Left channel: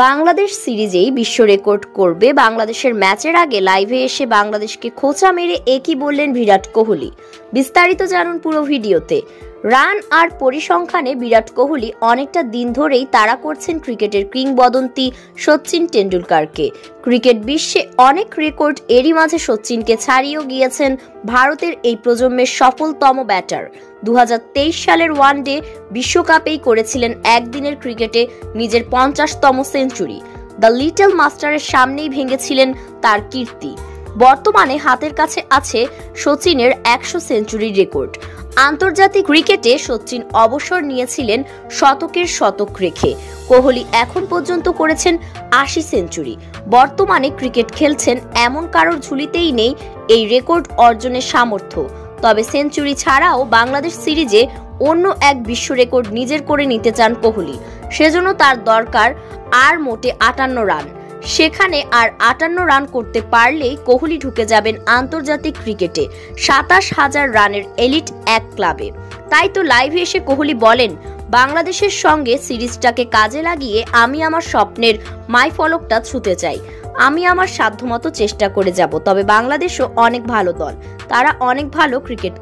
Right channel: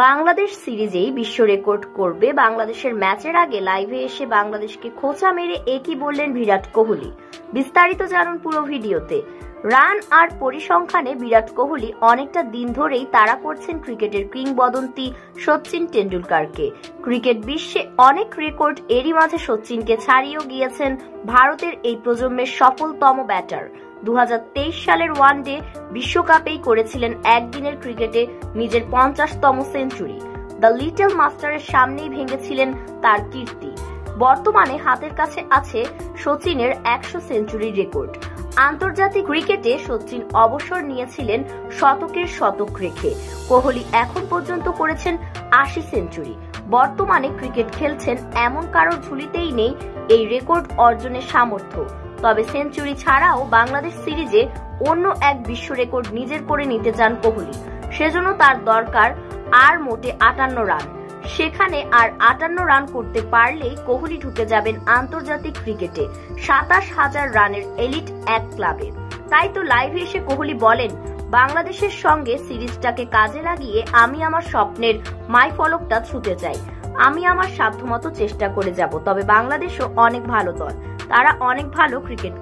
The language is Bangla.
বাংলাদেশ সিরিজেই বিশ্ব রেকর্ড করবে বাংলাদেশের ম্যাচের আগে লাইভে এসে বাংলাদেশকে খোঁচা মেরে একই বললেন বিরাট কোহলি। বিস্তারিত জানুন পুরো ভিডিওতে। রান আর পরিসংখ্যানে বিরাট কোহলি অনেকটা দিন ধরেই তাড়া করছেন ক্রিকেটের কিংবদন্তি সচিন টেন্ডুলকারকে। ক্রিকেট বিশ্বে অনেক রেকর্ড এরই মাঝে সচিনকে ছাড়িয়েও গিয়েছেন ভারতের এই প্রজন্মের সফলতম ব্যাটার। 2023 সালের ওয়ানডে বিশ্বকাপেই করেছিলেন একদিনের ক্রিকেটে নিজের 50তম সেঞ্চুরি। দ্য লিটল মাস্টারের সামনেই ভেঙেছিলেন তার কীর্তি। বর্তমানে হাতের কাছে আছে সচিনের 100 সেঞ্চুরির রেকর্ড। আন্তর্জাতিক ক্রিকেটে সচিন অবসর নিয়েছিলেন শতকের শতক রেখে। কোহলি এখন পর্যন্ত করেছেন 80 সেঞ্চুরি। বর্তমানে ক্রিকেট খেলছেন এমন কারোর ঝুলিতেই নেই এই রেকর্ড অর্জনের সামর্থ্য। তবে সেঞ্চুরি ছাড়াও বাংলাদেশ সিরিজে অন্য এক বিশ্ব রেকর্ড নিজের করে নিতে চান কোহলি। সেজন্য তার দরকার আর মোটে 58 রান। সেখানে আর 58 রান করতে পারলেই কোহলি ঢুকে যাবেন আন্তর্জাতিক ক্রিকেটে 27,000 রানের এলিট এক ক্লাবে। তাই তো লাইভে এসে কোহলি বলেন, বাংলাদেশের সঙ্গে সিরিজটাকে কাজে লাগিয়ে আমি আমার স্বপ্নের মাইলফলকটা ছুঁতে চাই। আমি আমার সাধ্যমতো চেষ্টা করে যাব। তবে বাংলাদেশও অনেক ভালো দল, তারা অনেক ভালো ক্রিকেট